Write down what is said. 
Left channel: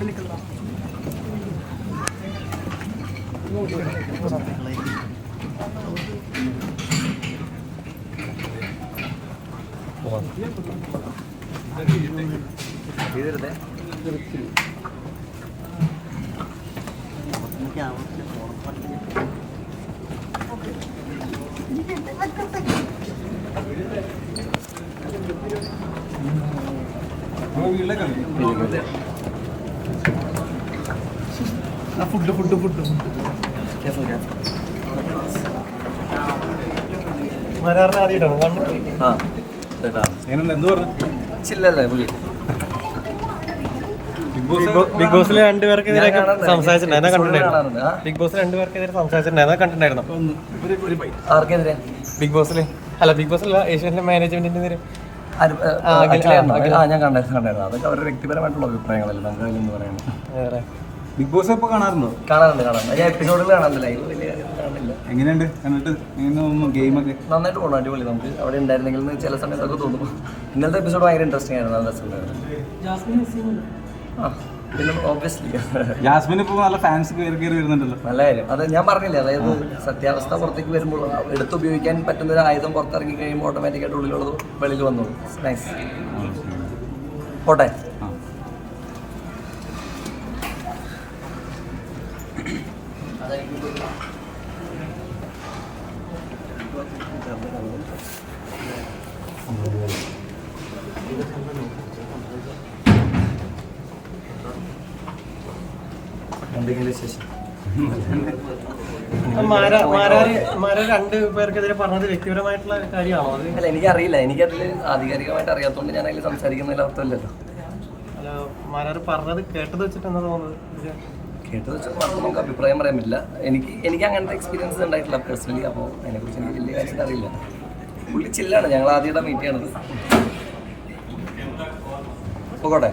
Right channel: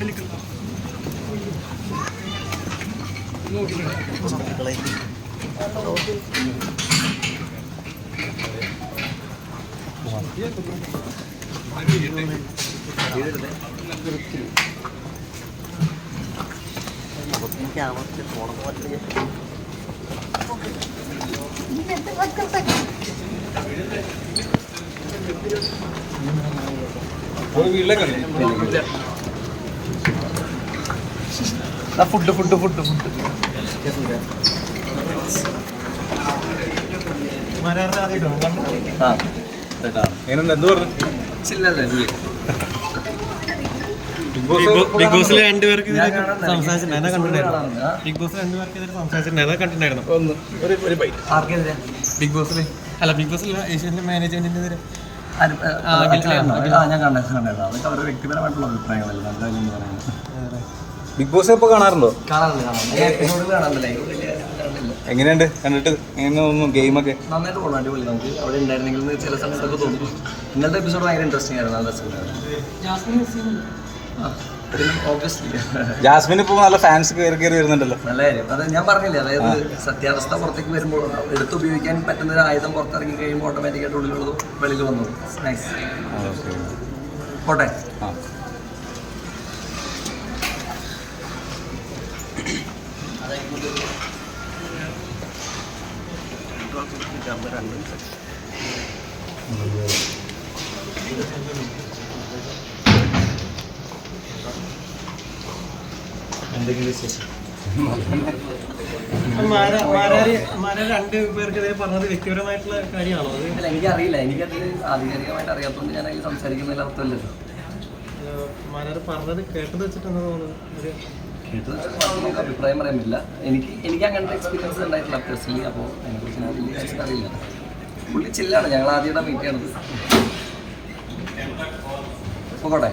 ഇല്ല food food food food. Big ബോസിലെ രണ്ടുപേർക്ക് സംസാരിച്ചിട്ടുണ്ടായിരുന്നു? Big രണ്ടുപേർക്കെതിരെ കണ്ടിട്ടുണ്ടായിരുന്നു. ബോസിൽ അല്ല ബിഗ് ബോസിലല്ല ഏഷ്യന്റെ മാനേജ്മെന്റിന്റെ നേരെ ഞാൻ കണ്ടായിരുന്നു അതൊക്കെ അവരുടെ വ്യക്തിപരമായിട്ടുള്ള അഭിപ്രായങ്ങളല്ല എന്തായാലും പറയുന്നത്. വേറെ. ബിഗ് ബോസ് ഇപ്പൊ കാണാറുണ്ടോ? കാണാറുണ്ട് കാണാറുണ്ട്. എപ്പിസോഡുകൾ കാണാറില്ല വലിയ എങ്ങനെയുണ്ട്? കണ്ടിട്ട് എങ്ങനെ ഗെയിമൊക്കെ നന്നായിട്ട് പോകണം അടിപൊളി. നമുക്ക് അവിടെ ഉണ്ടായിരുന്നെങ്കിൽ ചില സമയത്തൊക്കെ തോന്നും. ഇന്നലത്തെ എപ്പിസോഡ് ഭയങ്കര ഇൻട്രസ്റ്റിംഗ് ആയിരുന്നു നല്ല രസമുണ്ടായിരുന്നു ആ ജാസ്മിൻ ഇപ്പോൾ നല്ല ഫാൻസ് കയറി കയറി വരുന്നുണ്ടല്ലോ. നല്ല കാര്യം. അത് ഞാൻ പറഞ്ഞില്ലേ അതായത് സത്യാവസ്ഥ പുറത്തേക്ക് വരുമ്പോൾ എടുത്ത് ഉപയോഗിക്കാൻ പറ്റുന്ന ഒരു ആയുധം പുറത്തിറങ്ങി കഴിയുമ്പോൾ ഓട്ടോമാറ്റിക്കായിട്ട് ഉള്ളിലുള്ളതും വെളിയിൽ വന്നു. നൈസ് പോട്ടെ? കാര്യമാണോ? അത് അല്ല എനിക്കറിയില്ല. എനിക്കതിൽ ആധികാരികമായിട്ട് അറിയാത്തതുകൊണ്ട് ഞാൻ അതിൽ സംസാരിക്കുന്നതിൽ അർത്ഥമില്ലല്ലോ. മാരാർ പറഞ്ഞത് കേട്ടത് വെച്ചിട്ട് എന്താ തോന്നുന്നത് കേട്ടത്. വെച്ചാൽ നമുക്ക് അഭിപ്രായം പറയാൻ എനിക്ക് എനിക്ക് അങ്ങനത്തെ എക്സ്പീരിയൻസ് ഉണ്ടായിട്ടില്ല പേഴ്സണലി അപ്പോൾ അതിനെക്കുറിച്ച് എനിക്ക് വലിയ കാര്യം അറിയില്ല. പുള്ളി ചില്ലാണ്. ഞങ്ങൾ ആദ്യമായിട്ടാണ് മീറ്റ് ചെയ്യണത്. പോകട്ടെ.